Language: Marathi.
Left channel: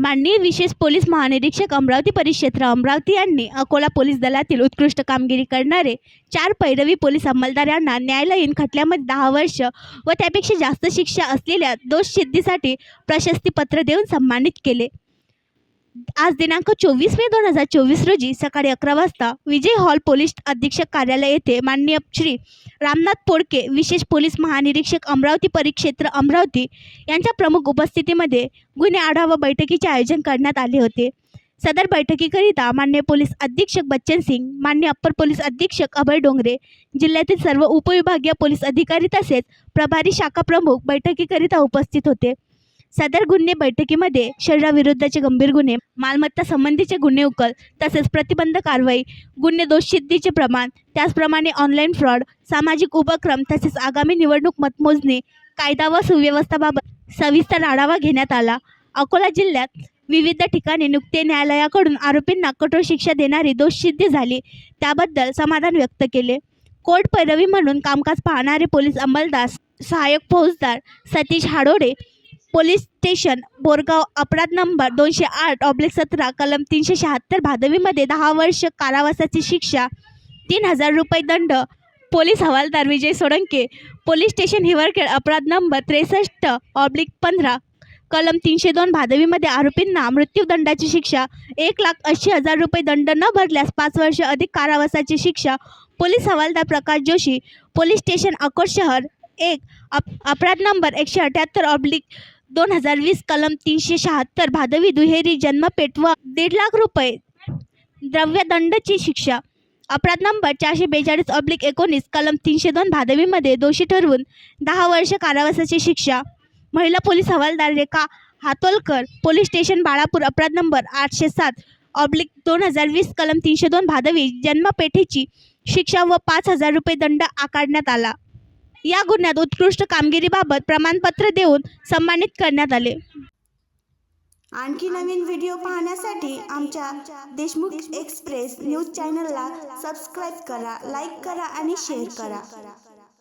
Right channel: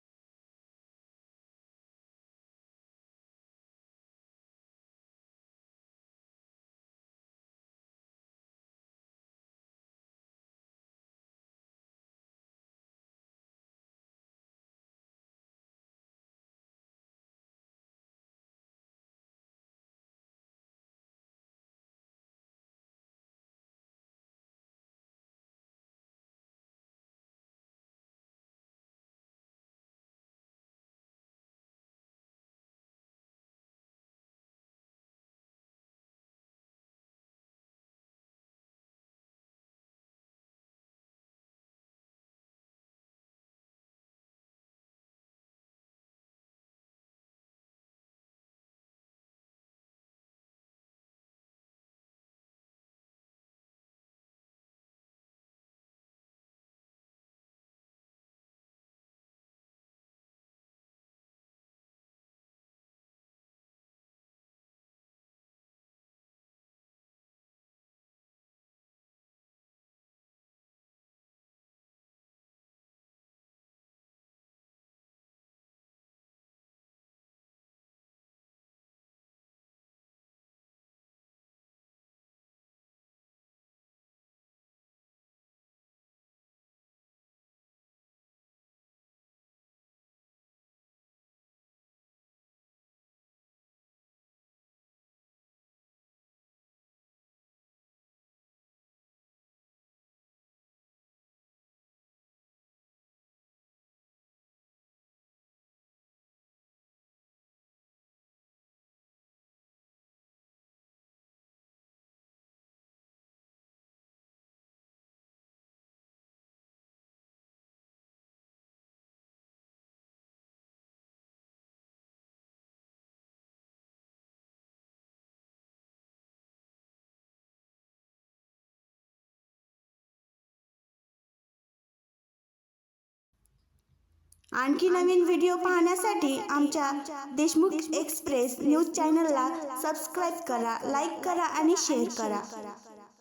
माननीय विशेष पोलीस महानिरीक्षक अमरावती परिक्षेत्र अमरावती यांनी अकोला पोलीस दलातील उत्कृष्ट कामगिरी करणारे चार पैरवी पोलीस अंमलदार यांना न्यायालयीन खटल्यामध्ये दहा वर्ष व त्यापेक्षा जास्त शिक्षा असलेल्या दोष सिद्धीसाठी प्रशस्तीपत्र देऊन सन्मानित केले. आज दिनांक चोवीस मे दोन हजार चोवीस रोजी सकाळी अकरा वाजता विजय हॉल पोलीस अधीक्षक कार्यालय येथे माननीय श्री रामनाथ पोडके विशेष पोलीस महानिरीक्षक अमरावती परिक्षेत्र अमरावती यांच्या प्रमुख उपस्थितीमध्ये गुन्हे आढावा बैठकीचे आयोजन करण्यात आले होते. सदर बैठकीकरिता मान्य पोलीस अधीक्षक बच्चन सिंग मान्य अप्पर पोलीस अधीक्षक अभय डोंगरे जिल्ह्यातील सर्व उपविभागीय पोलीस अधिकारी तसेच प्रभारी शाखा प्रमुख बैठकीकरिता उपस्थित होते. सदर गुन्हे बैठकीमध्ये शरीराविरुद्धचे गंभीर गुन्हे मालमत्ता संबंधीचे गुन्हे उकल तसेच प्रतिबंध कारवाई गुन्हे दोषसिद्धीचे प्रमाण त्याचप्रमाणे ऑनलाईन फ्रॉड सामाजिक उपक्रम तसेच आगामी निवडणूक मतमोजणी कायदा व सुव्यवस्थाबाबत सविस्तर आढावा घेण्यात आला. अकोला जिल्ह्यात विविध ठिकाणी नुकते न्यायालयाकडून आरोपींना कठोर शिक्षा देणारी दोषसिद्धी झाली त्याबद्दल समाधान व्यक्त केले. कोर्ट पैरवी म्हणून कामकाज पाहणारे पोलीस अंमलदार सहाय्यक फौजदार सतीश हाडोडे पोलीस स्टेशन बोरगाव अपराध नंबर दोनशे आठ ऑब्लिक सतरा कलम तीनशे शहात्तर भादवीमध्ये दहा वर्ष कारावासाची शिक्षा तीन हजार रुपये दंड पोलीस हवालदार विजय सोळंके पोलीस स्टेशन हिवरखेड अपराध नंबर त्रेसष्ट ऑब्लिक पंधरा कलम तीनशे दोन भादवीमध्ये आरोपींना मृत्यूदंडाची शिक्षा एक लाख ऐंशी हजार रुपये दंड न भरल्यास पाच वर्ष अधिक कारावासाची शिक्षा पोलीस हवालदार प्रकाश जोशी पोलीस स्टेशन अकोट शहर एक अप अपराध नंबर एकशे अठ्याहत्तर ऑब्लिक दोन हजार वीस कलम तीनशे शहात्तर भादवी दुहेरी जन्मपेठ व दीड लाख रुपये. द्रव्यदंडची शिक्षा. अपराध नंबर चारशे बेचाळीस ऑब्लिक एकोणीस कलम तीनशे दोन भादवीमध्ये दोषी ठरवून दहा वर्ष कारावासाची शिक्षा. महिला पोलीस हवालदार रेखा हातोलकर पोलीस स्टेशन बाळापूर अपराध नंबर आठशे सात ऑब्लिक दोन हजार वीस कलम तीनशे दोन भादवी जन्मपेठेची शिक्षा व पाच हजार रुपये दंड आकारण्यात आला. या गुन्ह्यात उत्कृष्ट कामगिरीबाबत प्रमाणपत्र देऊन सन्मानित करण्यात आले. आणखी नवीन व्हिडिओ पाहण्यासाठी आमच्या देशमुख एक्सप्रेस न्यूज चॅनलला सबस्क्राईब करा लाईक करा आणि शेअर करा.